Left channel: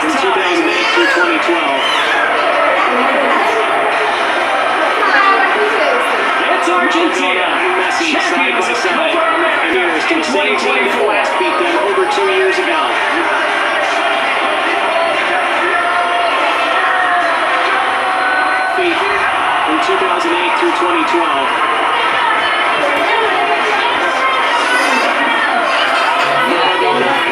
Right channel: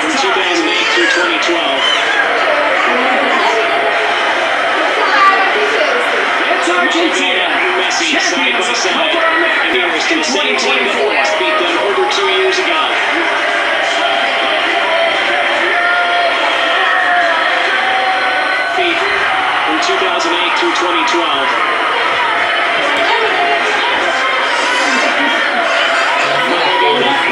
from 2008 through 2012. It's Argentina, Messi side by side, and here's to the same team that last beat them over 2 years ago. From 2008 through 2012.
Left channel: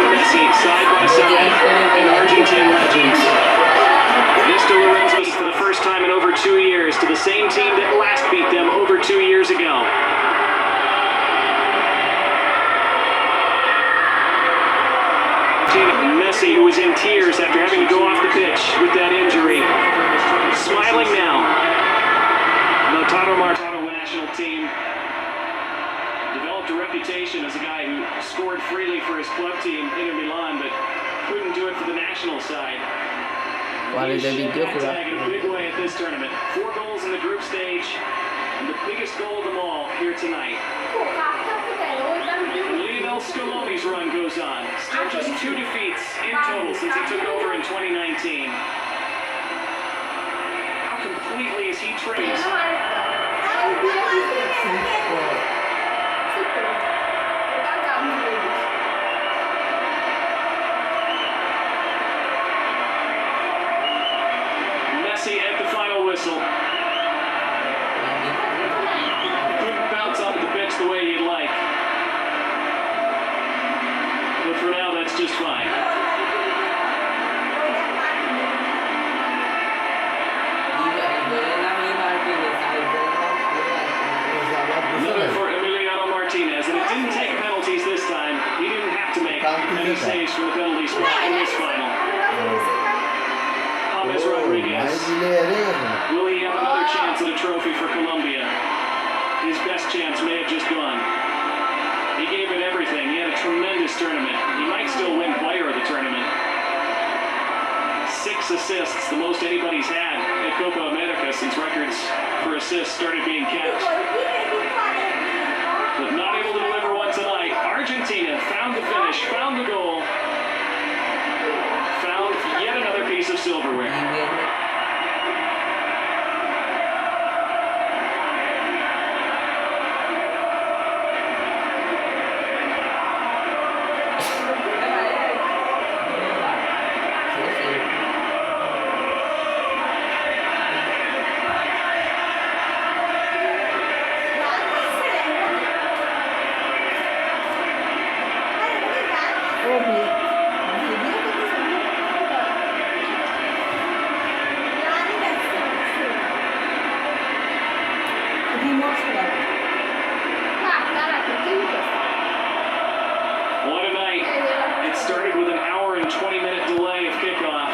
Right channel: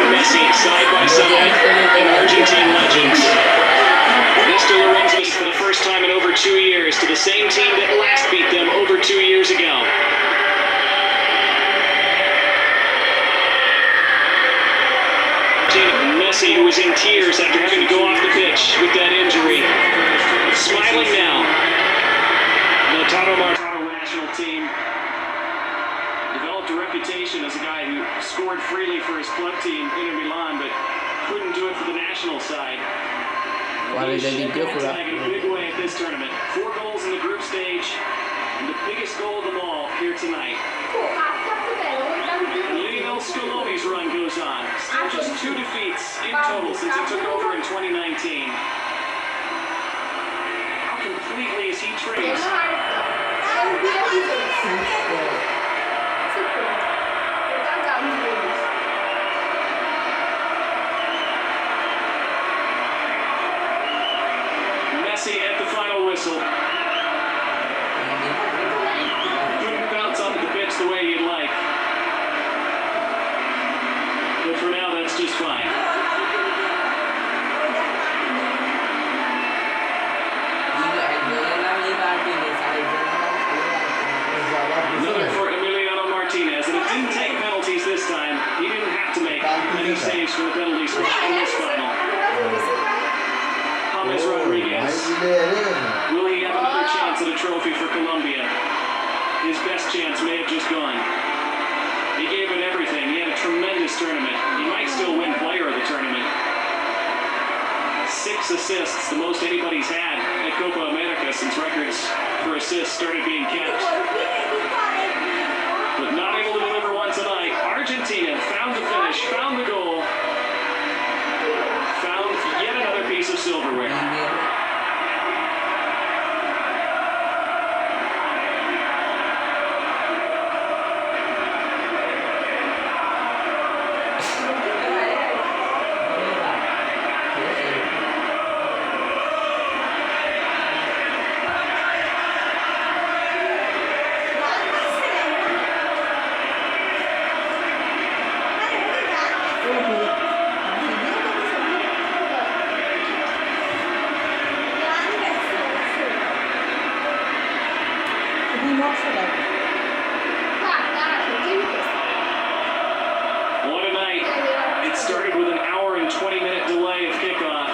Messi side by side, and Argentine legends. Mr. Lorenzo for the first time in over 2 years to the same team that last beat them over 2 years ago. Messi, who was in tears after having to go off the pitch with that injury, smiling now. Lautaro Martino national team developed a reputation as a guy who scored freely for his club team, Inter Milan, but couldn't do it for the national side. He's tagging a big way at this tournament. 4 goals in the group stage, and the biggest goal of them all here tonight. Lionel Messi run goes on. Still just 2 defeats in total since he took over in 2019. How completely is he traced? Messi at the final whistle. Couldn't bounce off the pitch the way you'd like. But for now, that's just fine. Another for Emiliano Martinez, and it didn't take penalties this time. He didn't have to make many saves for the penalty spot in this final. James Rodriguez. Will he have another chance at a trophy for Colombia? His best chance may have just gone. He gave it everything. He had a tremendous tournament. He might still win player of the tournament. 6 assists, the most anybody's had at Copa America since records for assists started being kept. But not able to deliver one tonight. Argentina found the finish, found the goal, found yet another piece of silverware. What a night. It started with an hour and 20-minute delay of kickoff.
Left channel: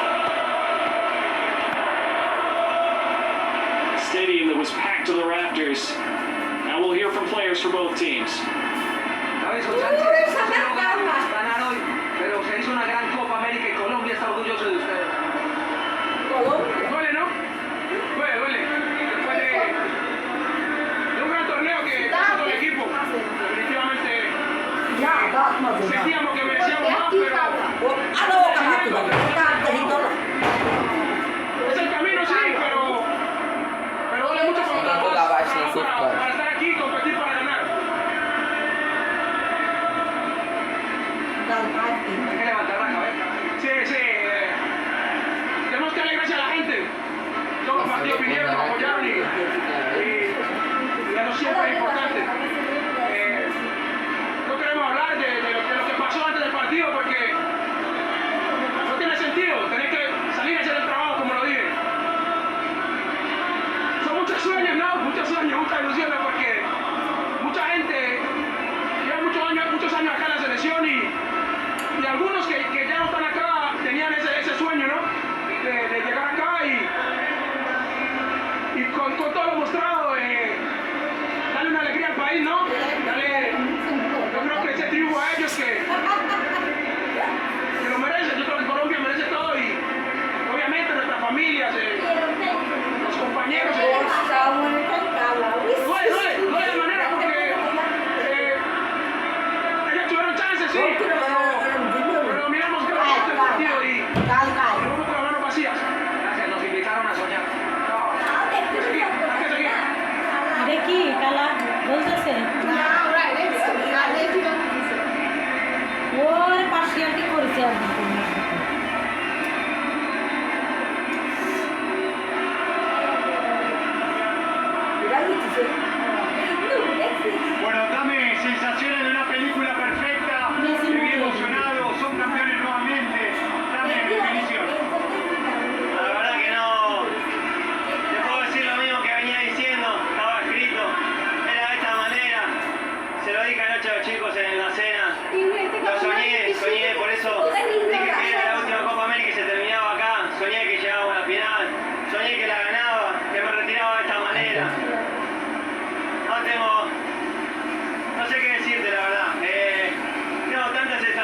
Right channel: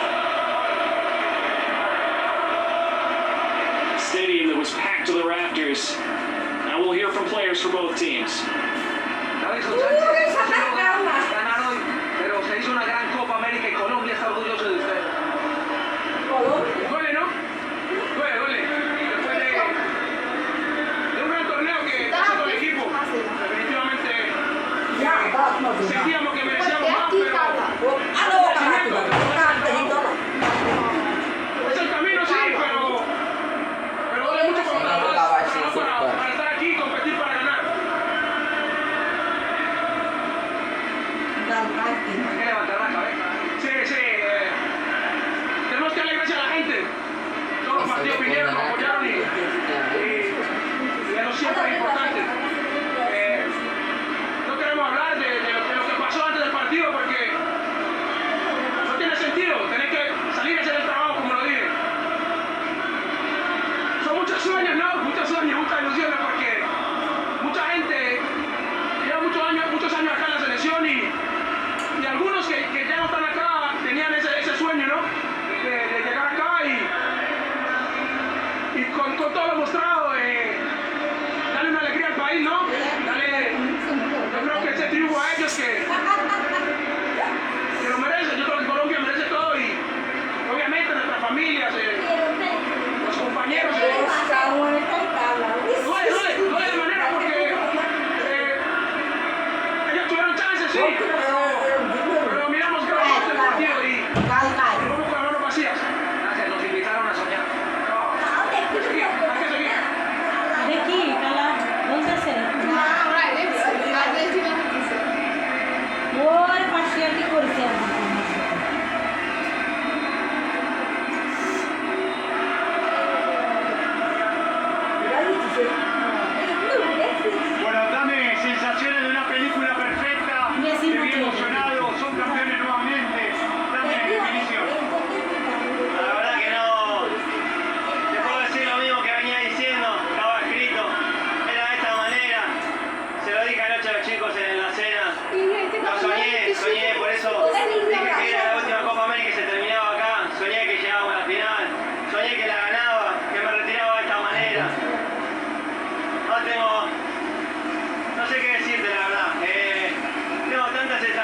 Stadium that was packed to the rafters. Now we'll hear from players for both teams. Pero se hizo una gran Copa América y Colombia está orgulloso de ustedes. Duele, ¿no? Duele. Después de un gran torneo que hizo todo el equipo, definitivamente sentíamos que merecíamos más, pero es el camino, sí, pero duele mucho para estar aquí y competir para ganar. Hay que levantar la cabeza. Sí. Tenemos que darle gracias a la gente. Todos los partidos vinieron, nos apoyaron y eso siempre es importante. No queremos hablar de lo que pasó antes del partido porque no tiene sentido. Tenés que salir a hacer el trabajo como lo dije. Son muchos sueños, ¿no? Muchas ilusiones porque mucha gente lleva muchos años acá en la selección y algunos que ya no están acá tenían ese sueño, ¿no? De llegar acá y con todo lo mostrado, darle una alegría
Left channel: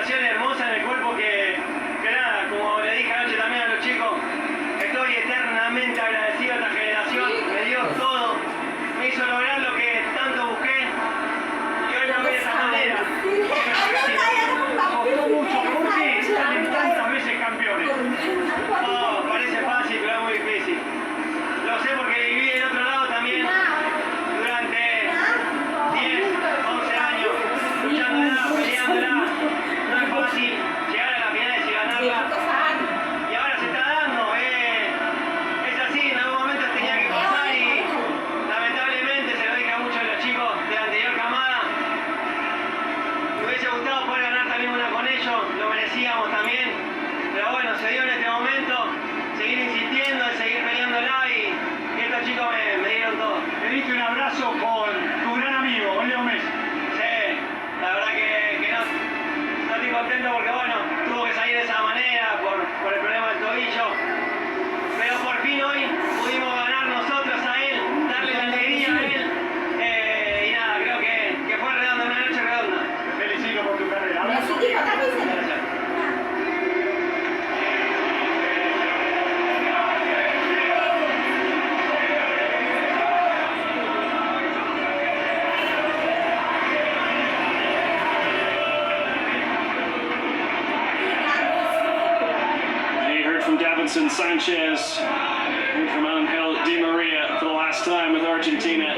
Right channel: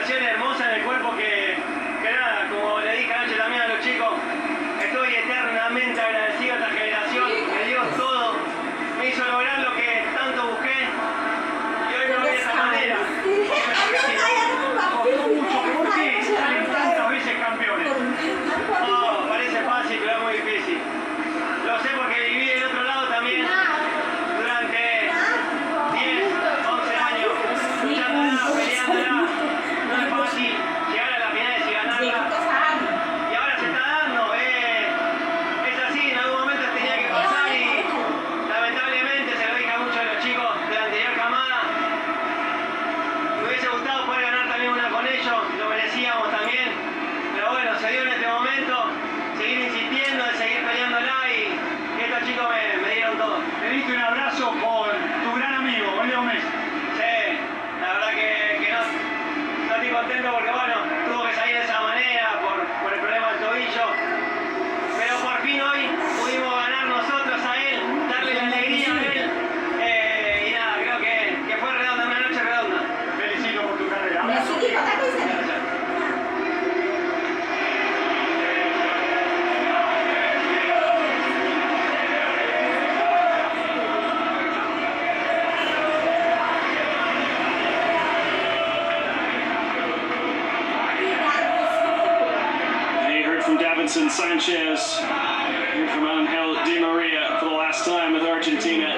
sensación hermosa en el cuerpo que nada, como le dije anoche también a los chicos, estoy eternamente agradecido a esta generación, me dio todo, me hizo lograr lo que tanto busqué y hoy me ve de esa manera. Costó mucho. ¿Por qué salen tantas veces campeones? No, parece fácil, pero es muy difícil. Lo sé porque viví del otro lado también durante 10, 11 años, luchándola, peleándola. No es fácil llegar a las finales y ganarla. Y ahora se está dando, es así, en algún momento tenía que pasar y lamentablemente se lo dije a muchos de los chicos de la anterior camada. Me hubiese gustado poder ganar también una con ellos, lo merecíamos también. Pero bueno, se dio en este momento, seguir insistiendo, seguir peleándola y estos chicos me dieron todo. Te diste un abrazo con tu gran amigo, con Leo Messi. Sí, la verdad que no estoy contento porque bueno, tuvo que salir de esa manera por el problema del tobillo. Pero por fin hoy pudimos ganar nosotros a él, darle la alegría a él. Y nada, creo que fue redonda, una noche redonda. Te felicito por tu carrera. Abrazo. You heard from Davinson Sanchez, heard from Angel Di Maria for the last time with Argentina.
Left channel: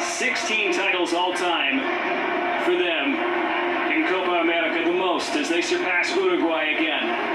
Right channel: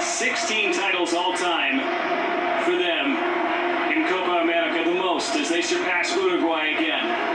16 titles all time for them in Copa America, the most as they surpass Uruguay again.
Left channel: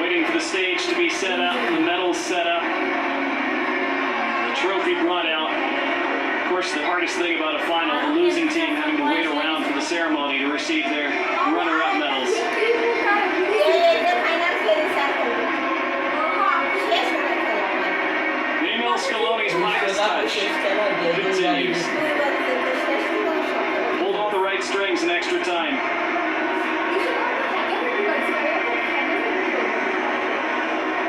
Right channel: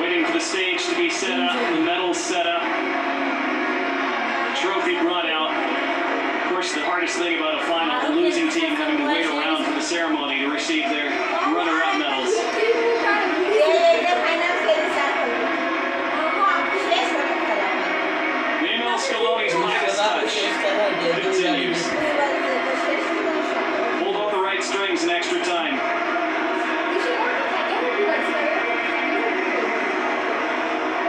Waiting for the stage to be set up, the medals set up, the trophy brought out. Of course, the hardest thing about a final, the losing team having to wait around for the ceremony to receive their runner-up medals. Lionel Scaloni's Midas touch continues. Hold all the right strings in extra time.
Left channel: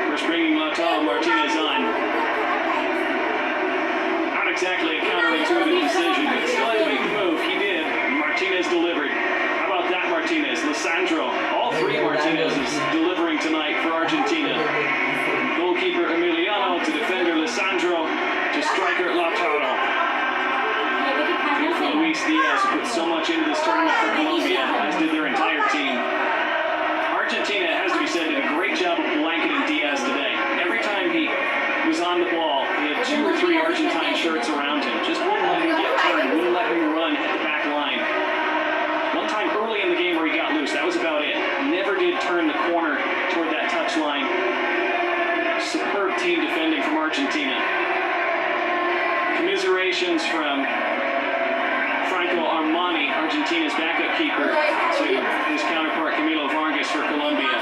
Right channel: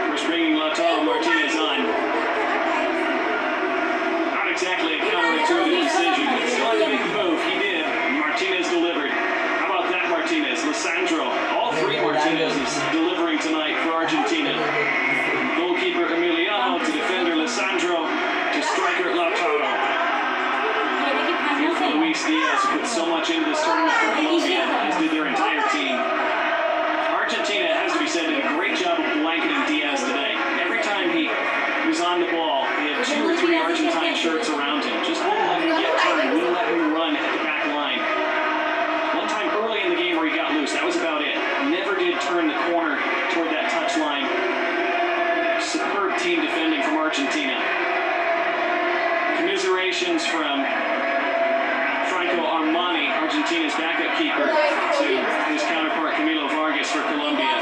First bringing Lautaro Martinez on. Not exactly a counterintuitive decision, but still had to make the move. He did. Martinez delivered. How about that Martinez? Lisandro. All three Martinezes delivering tonight for Argentina. Goalkeeper Emiliano to defender Lisandro to striker Lautaro. Beautiful Luis Diaz put so much into this tournament for Colombia, as did their entire team. Argentina, it has to be said, did a great job of blanketing Diaz today. Every time he was on the ball, he had 2 or 3 Argentine shirts around him. Just wouldn't let him get turned, wouldn't let him run at the back line. One time early in the game where he got loose, that was about it. Never did turn the corner toward that touch line. Superb team defending from Argentina. Commiserations from Franco Armani, Argentina's backup keeper, to his counterpart Camilo Vargas for Colombia.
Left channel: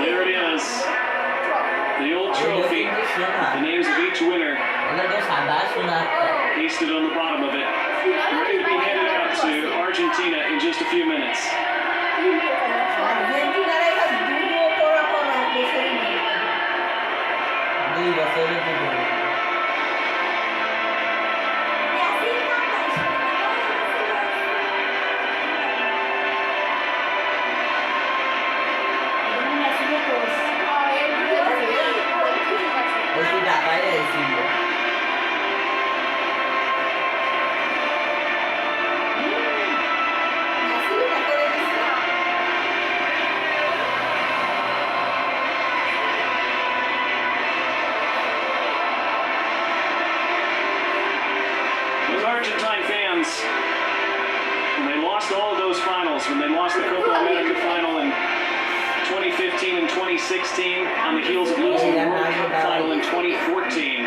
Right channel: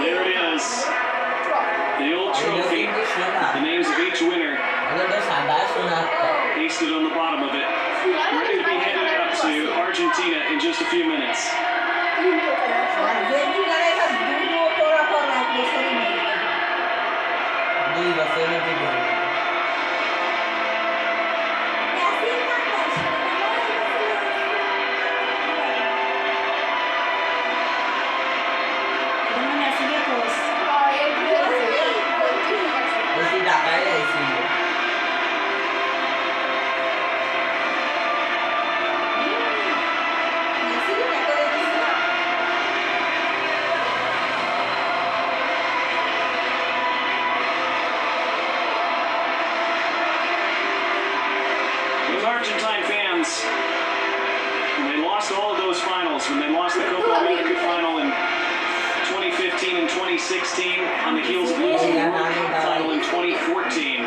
There it is. The old trophy. The names of each winner pasted on the bottom of it. Ready to be handed Argentina in just a few minutes. Those Argentine fans, when they lost all of those finals, when they lost the Copa America final in 2015 and 2016, on the heels of losing the World Cup final in 2014,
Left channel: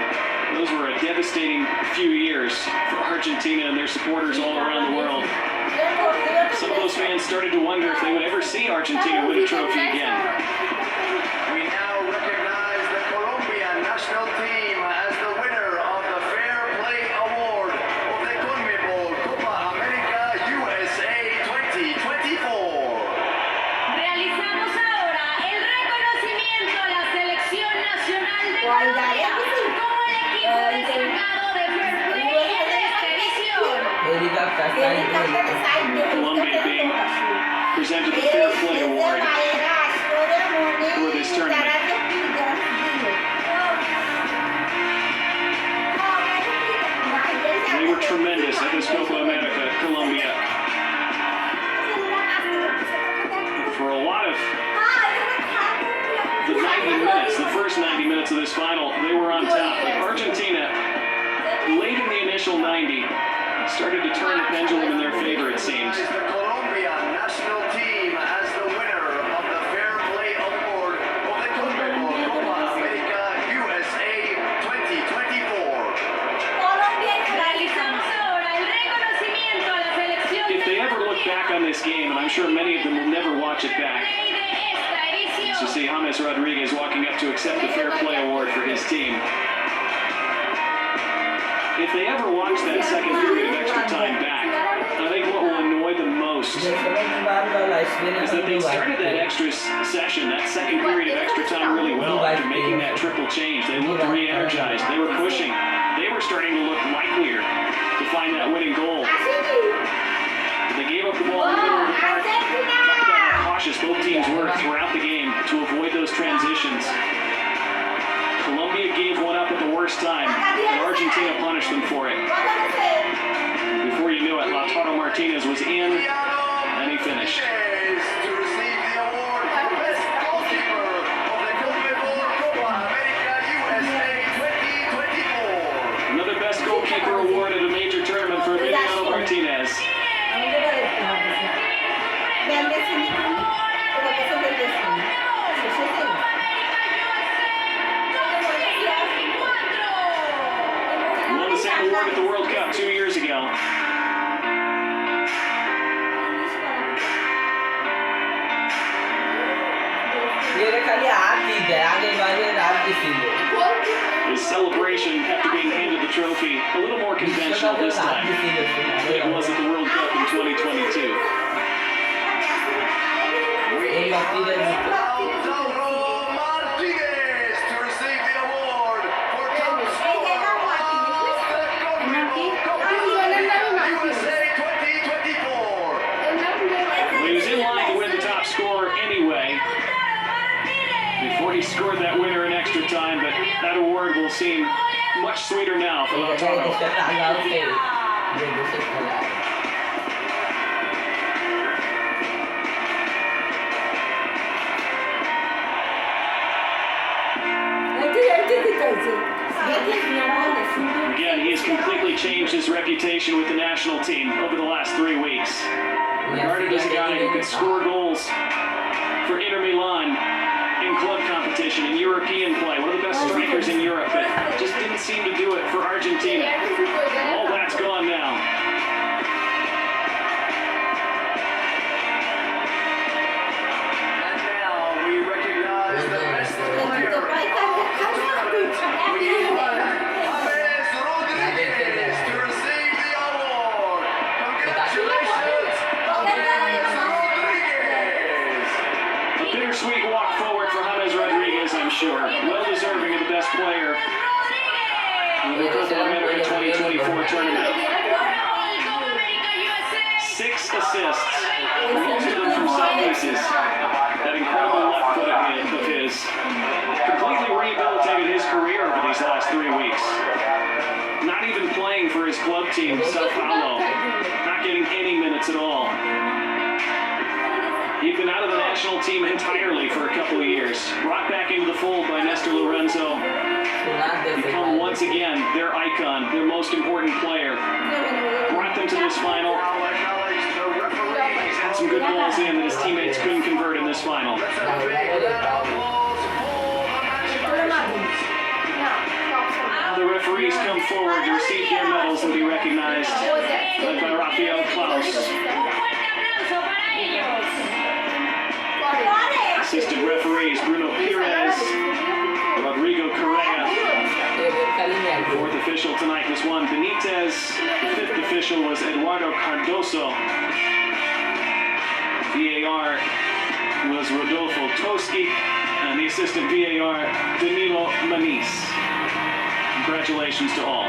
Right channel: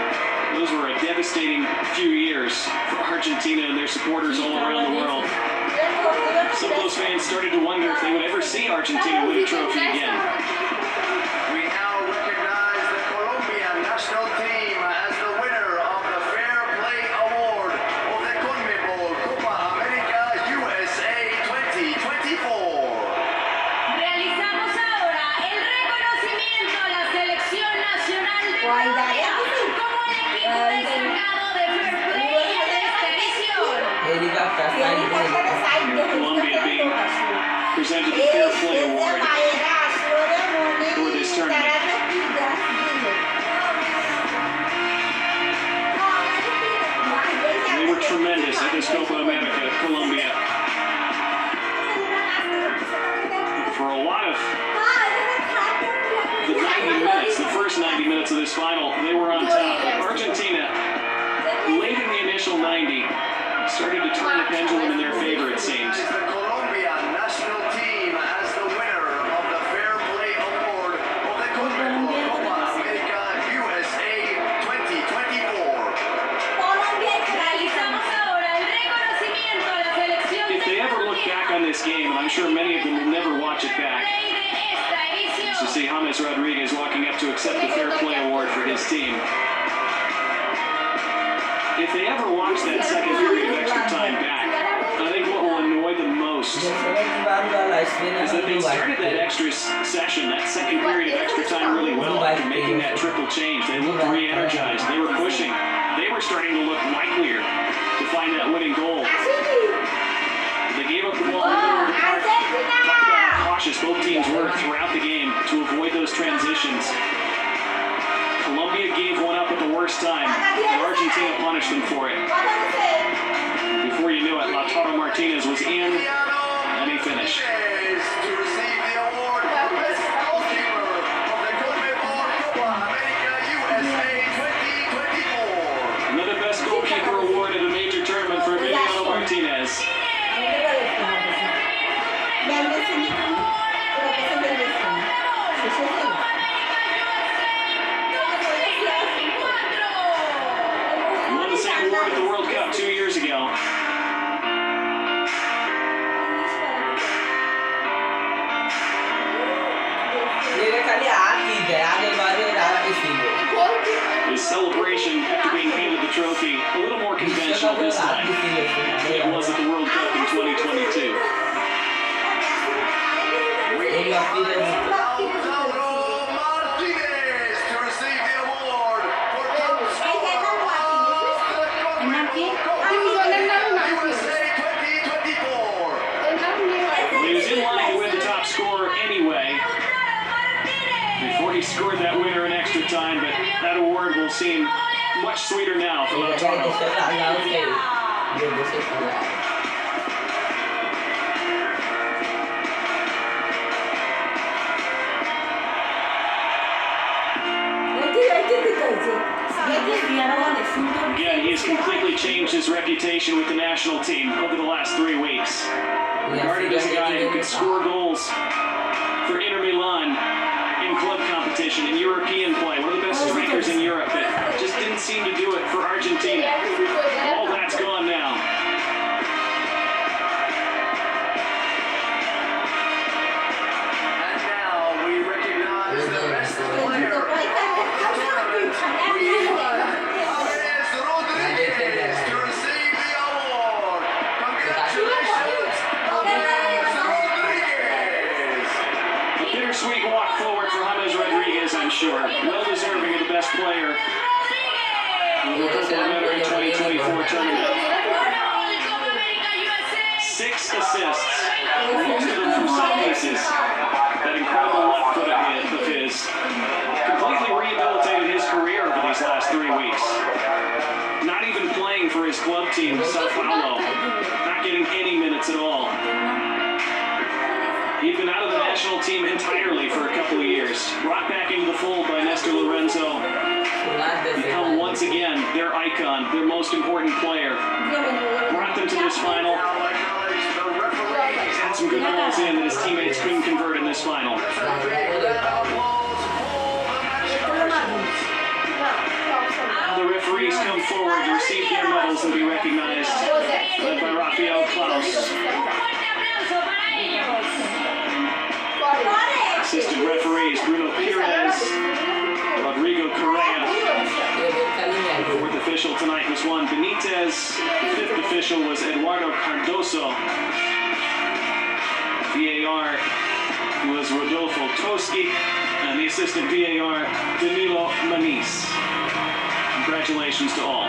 those were a devastating few years for Argentina and their supporters all around the world. Some of those fans started to wonder if they would ever see Argentina win a trophy again. We now recognize the Colombian national team as the winner of the Fair Play Award of the CONMEBOL Copa America USA 2024. Realizamos ahora el reconocimiento a la selección nacional de Colombia como el equipo destacado de Fair Play de esta edición. Colombia being presented the Fair Play Award for this tournament. They were tremendous at this Copa America, Colombia. For a lot of the 90 minutes, the first 90 minutes of this final, they were on top. But Argentina, late in the initial 90, started to turn the pendulum in their favor, it seems. The Colombian national team as the winner of the Fair Play Award of the CONMEBOL Copa America USA 2024. Realizamos ahora el reconocimiento a la selección If they ever look back on this game, and I'm sure many of them will never watch it back, de esta edición. to see James Rodriguez walking up to accept the Fair Play Award for his team. If they ever watch that second period of extra time back, I think what will annoy them most is that they started that extra session, that second period of extra time really well after making that triple change. They looked re-energized. They were pushing. They were starting to look likelier to find that winning goal. But they gave up the ball in the middle of the park. Talk about how cautious both teams were throughout the game to avoid those transitions. Colombia gave one up at the worst time, and Argentina punished them for it. Before you knew it, Lautaro Martinez was in, and he finished. To receive the award for Best Goalkeeper of the CONMEBOL Copa America USA 2024. Another Best Goalkeeper award at a major tournament for Emiliano Martinez. Won the same award at the World Cup 2 years ago. His celebration after being handed the trophy, a little more conventional this time than it was at the World Cup in 2022. Lautaro Martinez to receive the award for top scorer of the CONMEBOL Copa USA 2024. He was in line to win the top scorer anyway before he scored that winner in extra time, but that award will seem much sweeter now for Lautaro. Again, he has completely changed his reputation with the national team over the last 3 weeks. Regarded as a guy who could score goals for Inter Milan in club competition, in European play, one of the best strikers in Europe, but just didn't seem to do it for Argentina. All that's gone now. And now we recognize the best player of the tournament. We have James Rodriguez to receive the award. Congratulations, bittersweet walk forward for James Rodriguez, I'm sure. Well deserving of the best player in the Copa America 2024 tournament. 6 assists, most of them from set pieces. That incredible left foot of his completely rehabilitated his career over these last 3 weeks. Not even playing for his club team, Sao Paulo. Not getting any minutes at all. He'd been out of the national team entirely for a couple of years. Brought back into the fold by Nestor Lorenzo. Become once again their icon, their most important player. Brought them to this final. Had some good balls in that his teammates couldn't convert in this final. Now the referees come forward to receive their medals and be recognized, led by Rafael Klaus. Assistant referees Bruno Perez, Rodrigo Correa. Fourth official tonight was Juan Benitez. The fifth official was Eduardo Cardoso. VAR was Rodolfo Toschi. And the assistant VAR, Danilo Manis. Congratulations to all.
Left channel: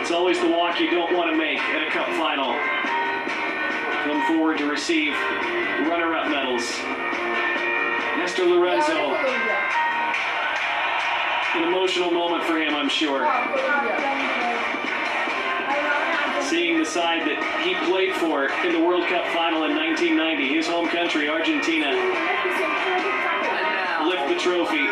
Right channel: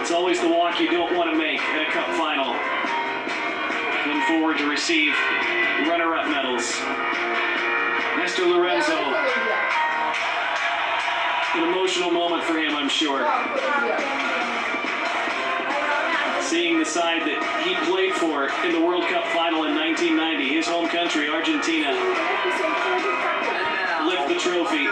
It's always the walk you don't want to make at a cup final. Come forward to receive runner-up medals. Nestor Lorenzo. An emotional moment for him, I'm sure. Seeing the side that he played for in the World Cup final in 1990, his home country, Argentina, lift the trophy.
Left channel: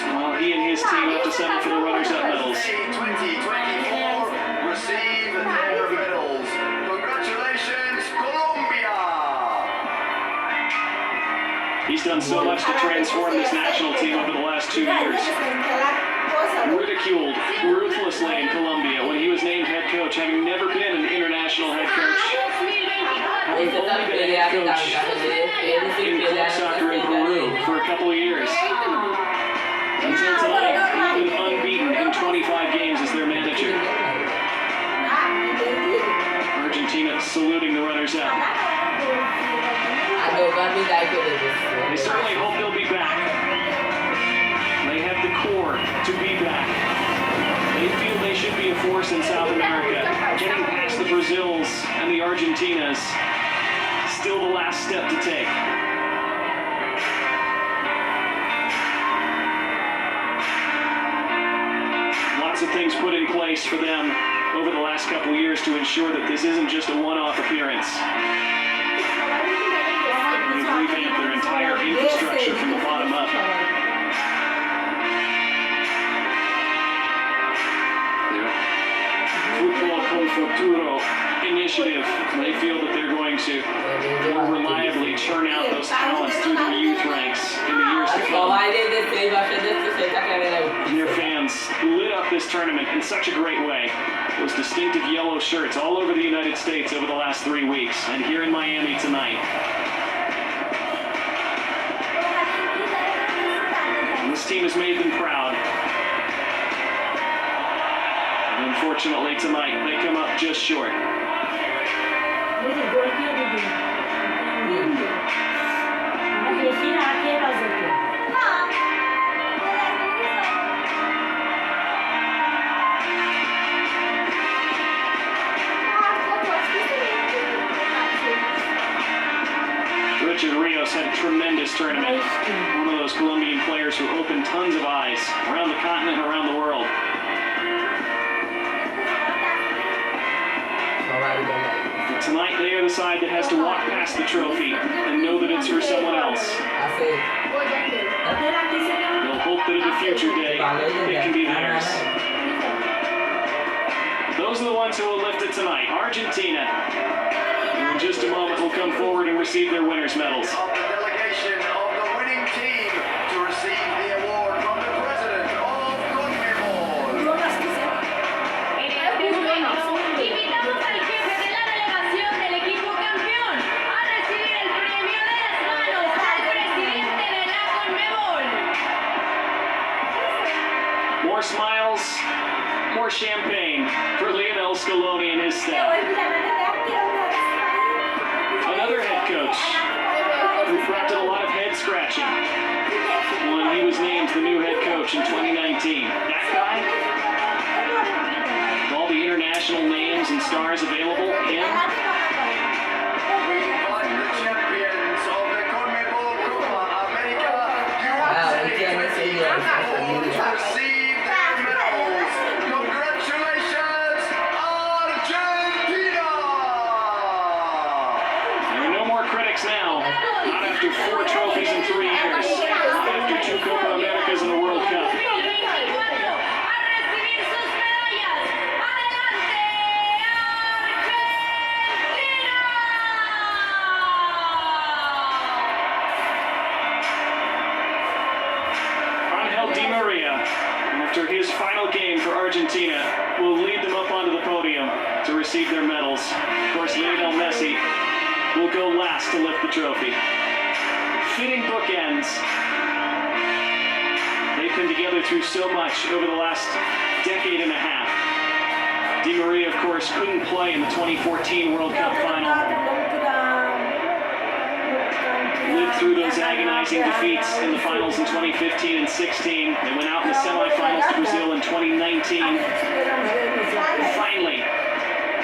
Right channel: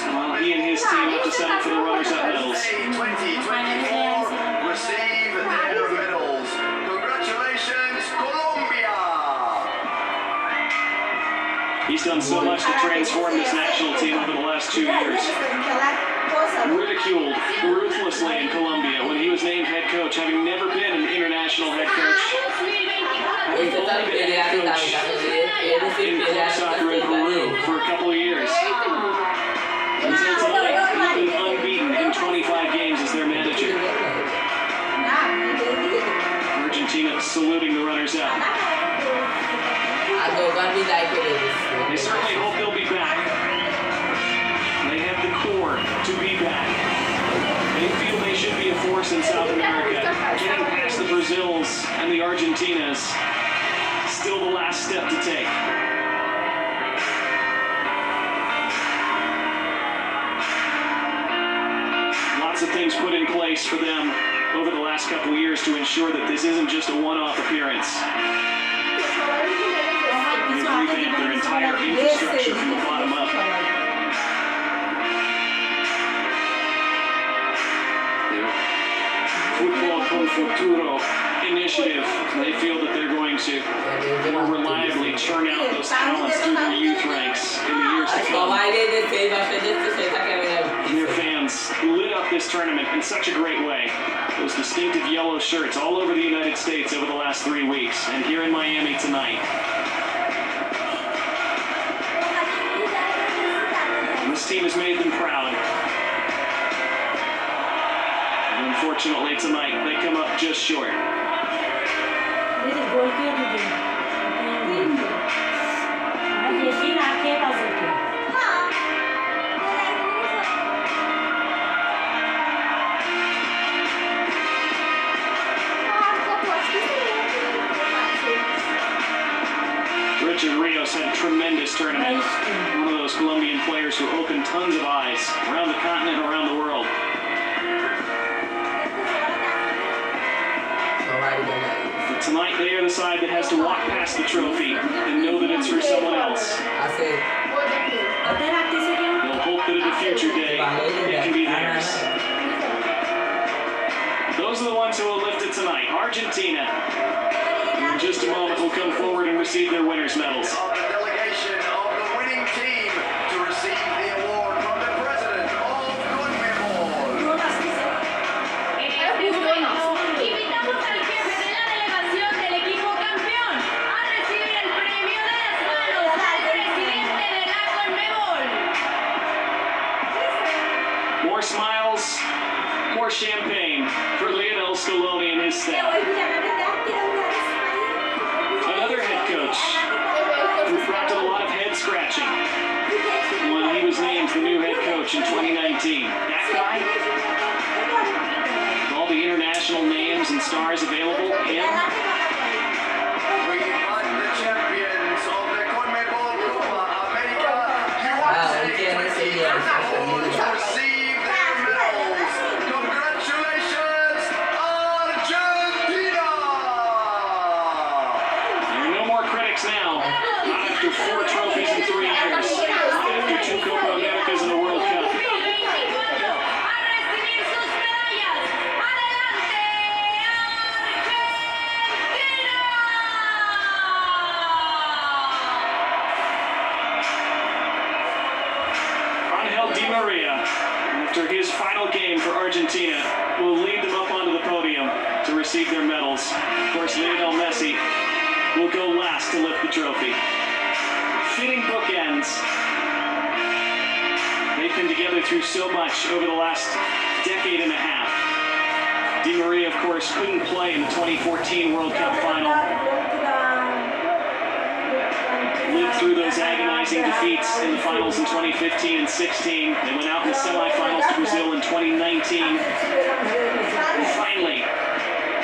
While he and his team have to settle for the runners-up medals. 2024 receive their medals. Congratulations, Colombia! He's done so much to transform this national team over the last 2 years. Ridiculed ruthlessly in Colombia when he was named head coach, having never been an international head coach. Having only been head coach in club soccer in Peru for a couple of years. Until tonight, he's been unbeaten in 25 games as their manager. Argentina saluting the runners-up. They certainly hope they'll be back. They have the core to be back. They feel they should be a force in South America. Getting past the Brazils and the Argentinas, still the last step to take. Lots of things put in place for them over the last couple of years to ensure that this isn't just a one-off appearance. They've revamped their entire infrastructure from the bottom up. Their Football con Futuro initiative, they feel that they're going to more reliably churn out those talents through their youth ranks in the years to come. Their fans lit up this tournament in such a great way. Those distinctive yellow shirts all over the United States over the last 3 weeks, and here in Miami tonight. And this team has made them proud. And unfortunately tonight, they come up just short. Richard Rios had a tremendous tournament. One of those Colombian players who opened tons of eyes around the continent and around the world. But tonight they are the side that has to walk past the trophy and know that it's for someone else. They'll hope that at a future day it can be theirs. Those are the ones who will lift it tonight. Argentina, in just a moment, will come forward and receive their winners' medals. Of the delegation of the winning team to receive the award from the president of CONMEBOL. En este momento, invitamos al jefe de la delegación del equipo campeón a recibir el premio de las manos del presidente de la CONMEBOL. More smiles, more champagne for Lionel Messi and his staff. Another head coach who brought a lot of head scratching when he was named the new head coach in 2019. That guy, with all the international names and stars available, him. We invite the champions of the CONMEBOL Copa America USA 2024 to receive their medals. Congratulations, Argentina! There are no more critics now. Not after 4 trophies in 3 years. Not after 2 Copa Americas and a World Cup. 2024 a recibir sus medallas. ¡Adelante, Angel Di Maria, after his final game for Argentina, will lead them up onto the podium to receive their medals. Of course, Lionel Messi will go last to lift the trophy. Fitting bookends. They've been together through so much over the last decade and a half. Di Maria, of course, couldn't play in the 2014 World Cup final. Lived through those agonizing defeats in the finals in 2015 and 16. They went out in the semifinals to Brazil in 2019. Finally,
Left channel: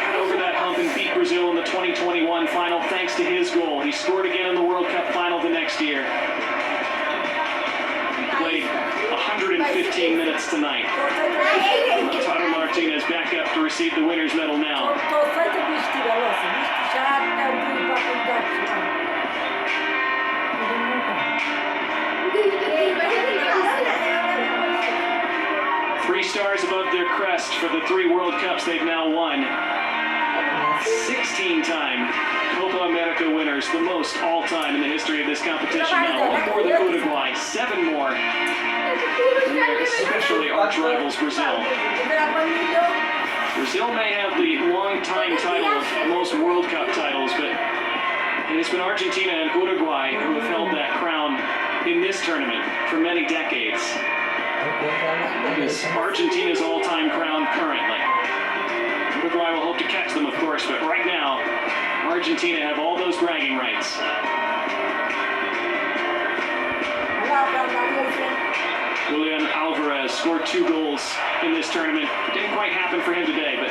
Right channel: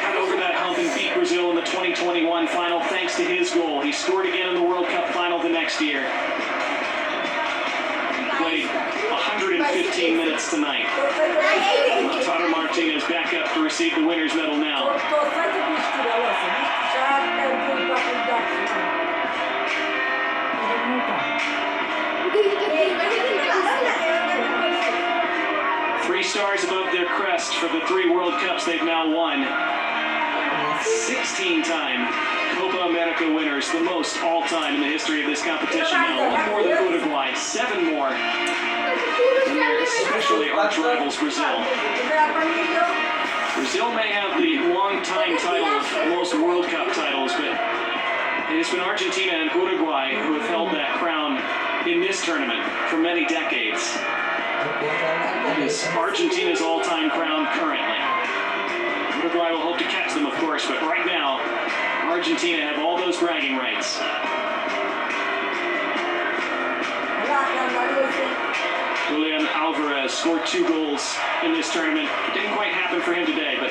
got over that hump and beat Brazil in the 2021 final thanks to his goal. He scored again in the World Cup final the next year. He played 115 minutes tonight. Lautaro Martinez back up to receive the winner's medal now. Three stars above their crest for the 3 World Cups they've now won. 16-time Copa America winners, the most all-time in the history of this competition now. 1 more than Uruguay, 7 more than their especially arch-rivals Brazil. Brazil may have the long-time title of most World Cup titles, but it has been Argentina and Uruguay who have held that crown in this tournament for many decades. It is Argentina's all-time crown currently. Uruguay will hope to catch them, of course, but right now, Argentina have all those bragging rights. Julian Alvarez scored 2 goals in this tournament. Didn't quite happen for him today, but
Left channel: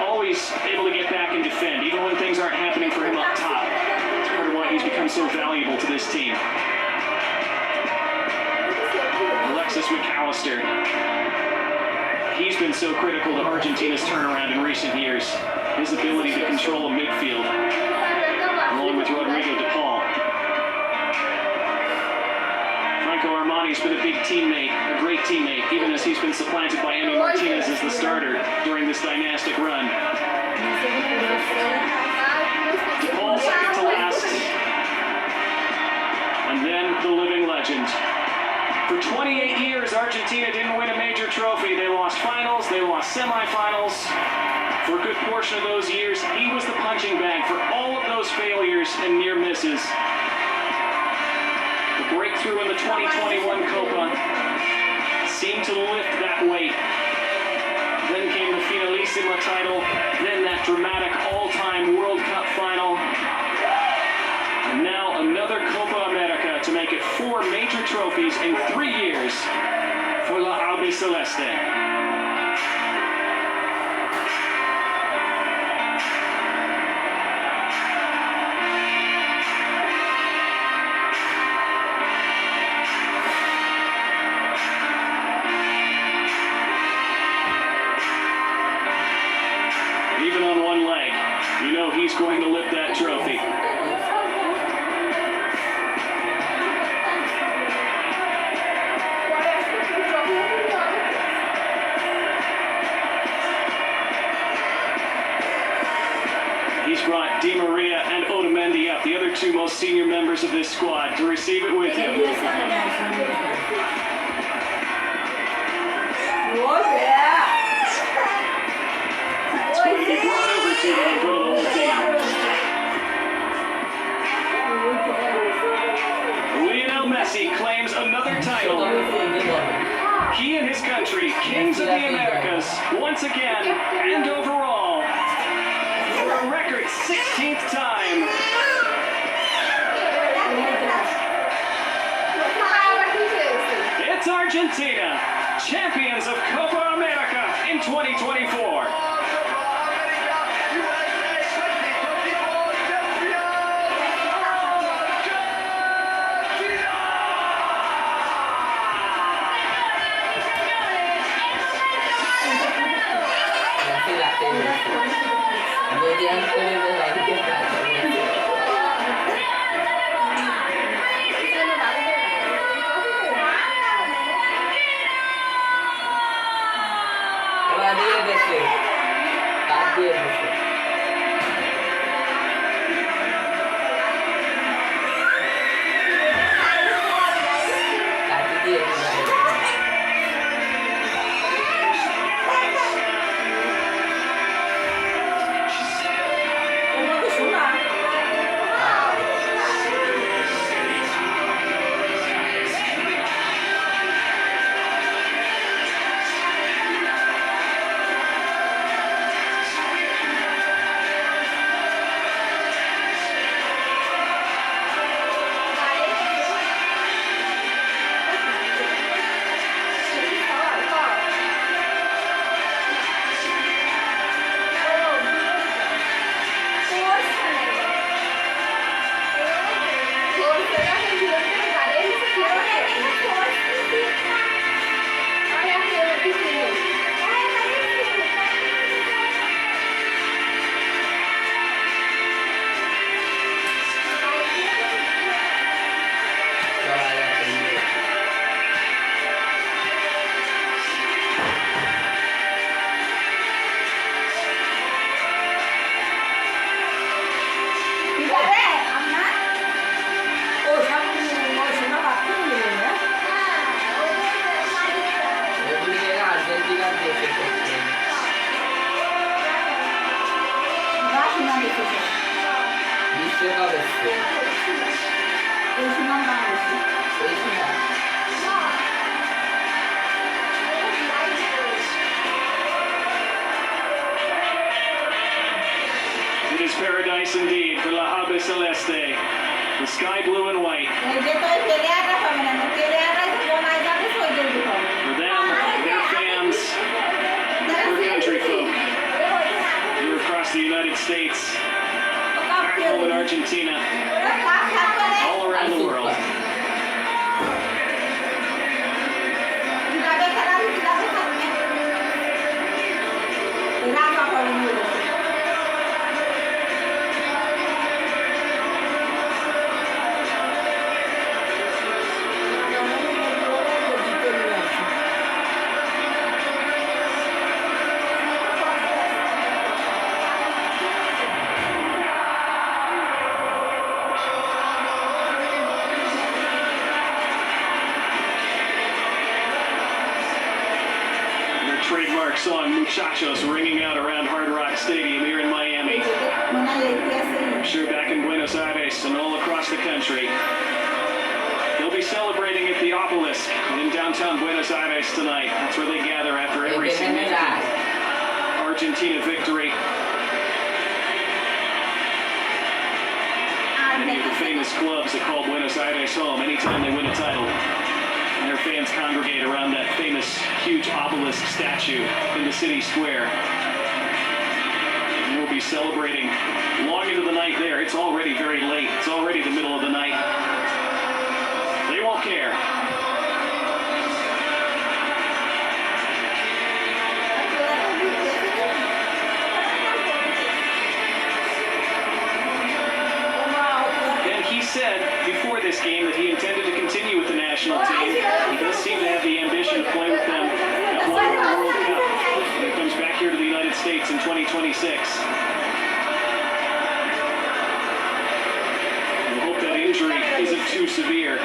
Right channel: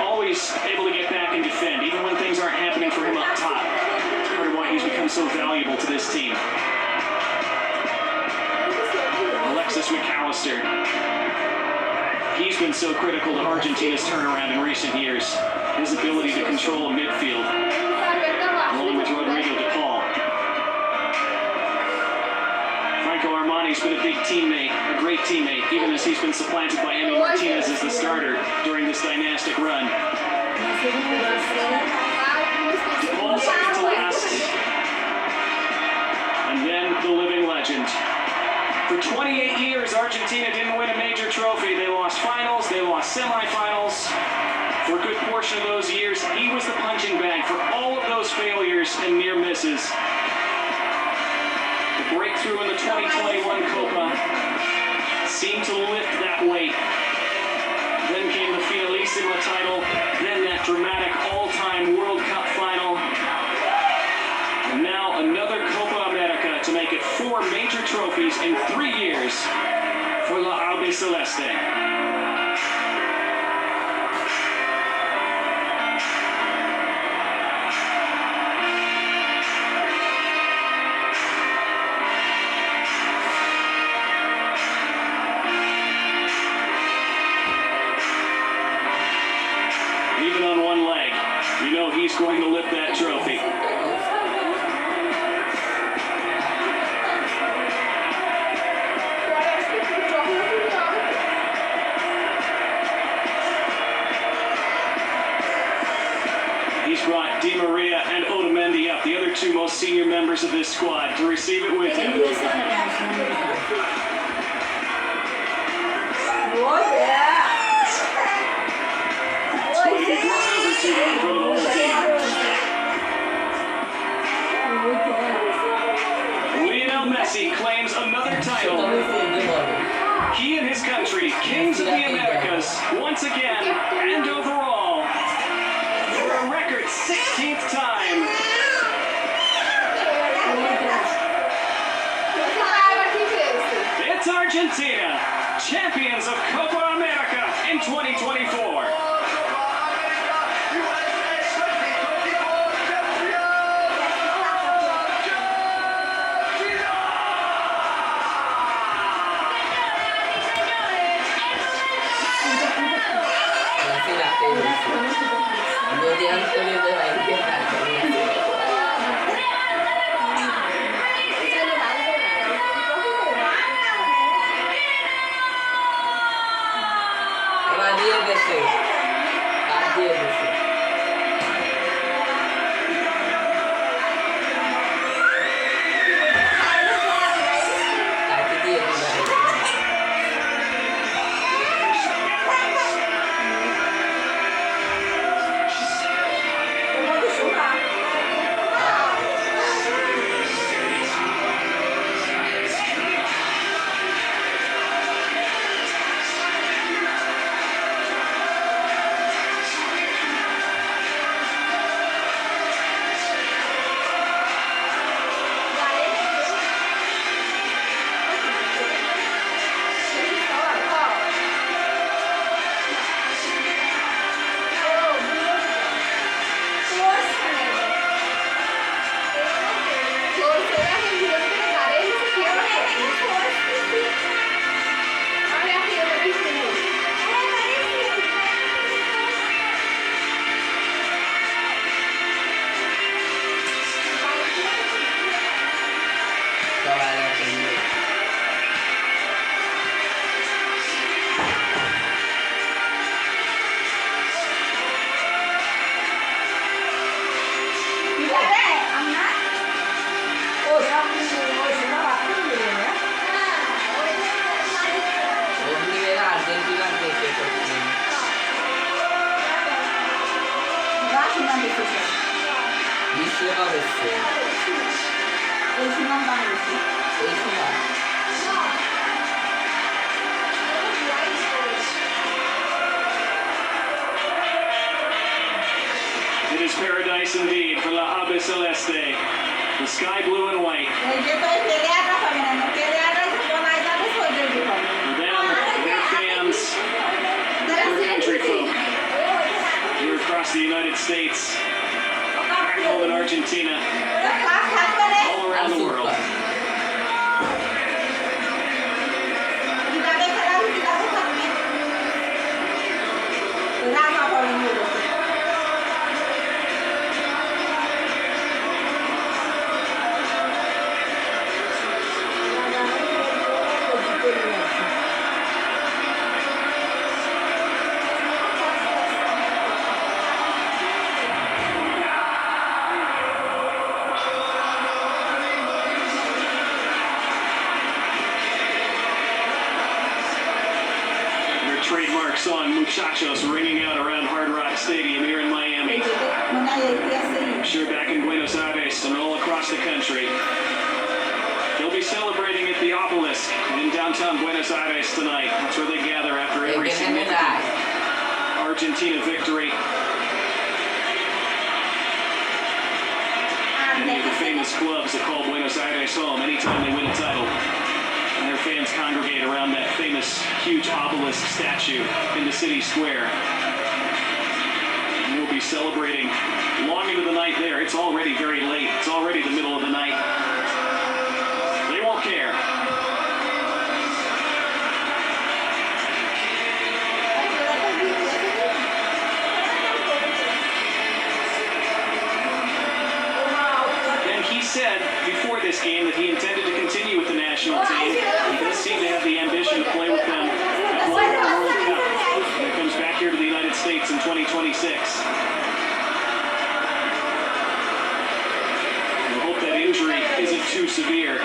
always able to get back and defend, even when things aren't happening for him up top. Part of why he's become so valuable to this team. Alexis McAllister. He's been so critical to Argentina's turnaround in recent years. His ability to control a midfield, along with Rodrigo de Paul. Franco Armani's been a big teammate, a great teammate, even as he's been supplanted by Emi Martinez as the starter during this dynastic run. De Paul second to last. And then the living legend, For 28 years, Argentina didn't win a major trophy. They lost finals, they lost semifinals. For a good portion of those years, he was the punching bag for all of those failures and near misses. The breakthrough in the 2021 Copa seemed to lift that weight. Then came the Finalissima title, then that dramatic all-time World Cup final. And now another Copa America to make it 4 major trophies in 3 years for La Albiceleste. Even on one leg, you know he's going to lift that trophy. He's brought Di Maria and Otamendi up, the other 2 most senior members of this squad, to receive it with him. It's going to be brought over to him in front of the whole team. Lionel Messi claims another title. He and his country, kings of the Americas, once again and overall, for a record 16th time. It's Argentina, champions of Copa America in 2024. It is paradise indeed for La Albiceleste, the sky blue and white. For them, their fans, their country folk, here across the United States, back home in Argentina, all around the world. trademark song Muchachos ringing out around Hard Rock Stadium here in Miami. I'm sure back in Buenos Aires and all across the country. They'll be celebrating at the Obelisk in downtown Buenos Aires tonight. That's where they gather after every significant Argentina victory. Many of the famous clubs that call Buenos Aires home anytime they win a title. And their fans congregate around that famous huge obelisk statue in the city square. And we'll be celebrating long into the night there. It's already very late. It's already the middle of the night. They won't care. And he said before this game that he intended to continue with the national team. He does seem to have the ambition to play with them at one more World Cup when it comes back here to the United States in 2026. We hope that injury isn't too severe.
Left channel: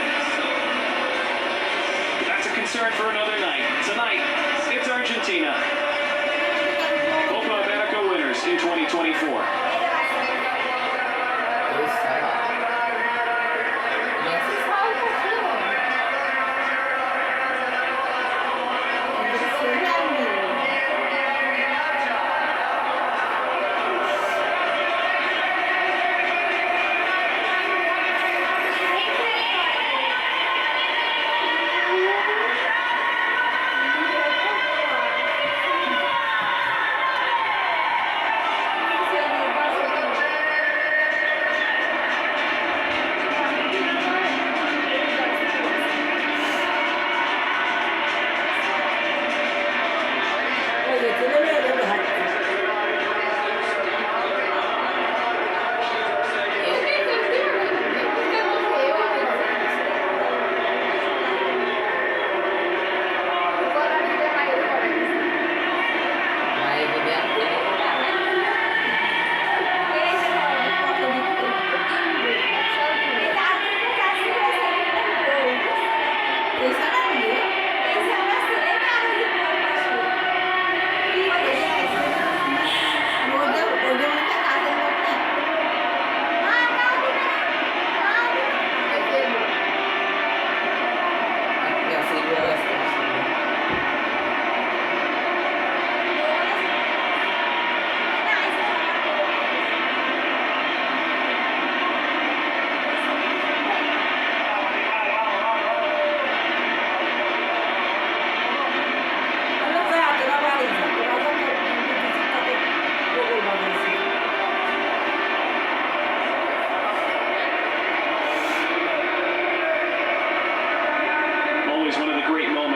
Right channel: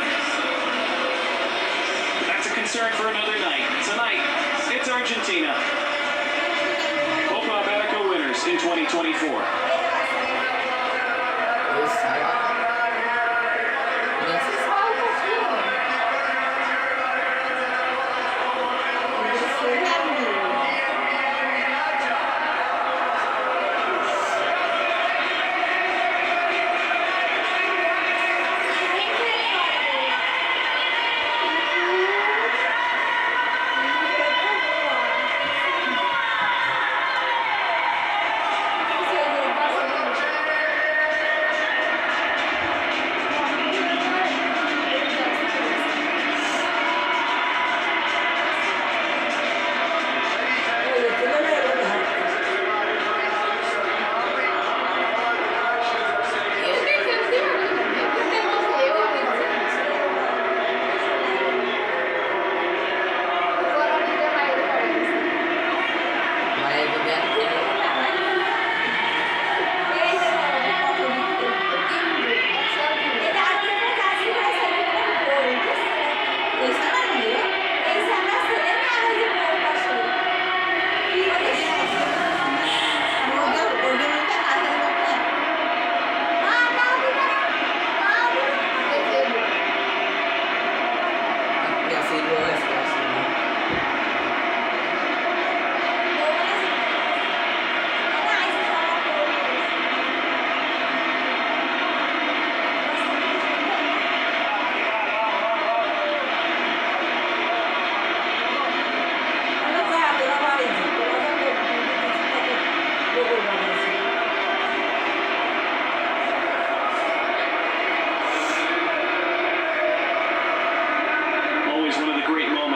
But that's a concern for another night. Tonight, it's Argentina. Copa America winners in 2024.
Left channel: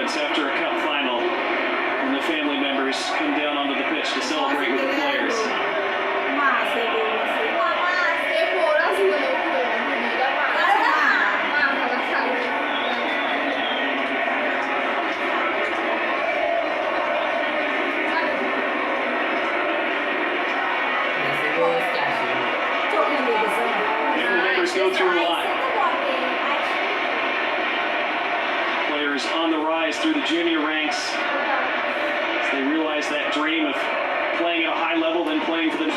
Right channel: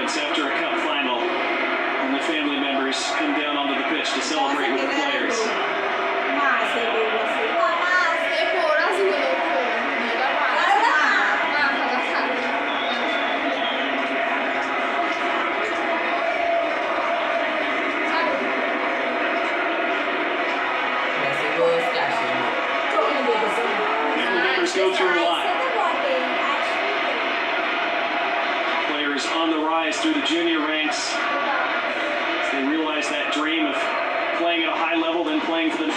After a cup final, when the family members come down onto the pitch to celebrate with the players. Family members go through a lot. On the rise through the junior ranks as they realize that dream of playing at a high level, then playing for the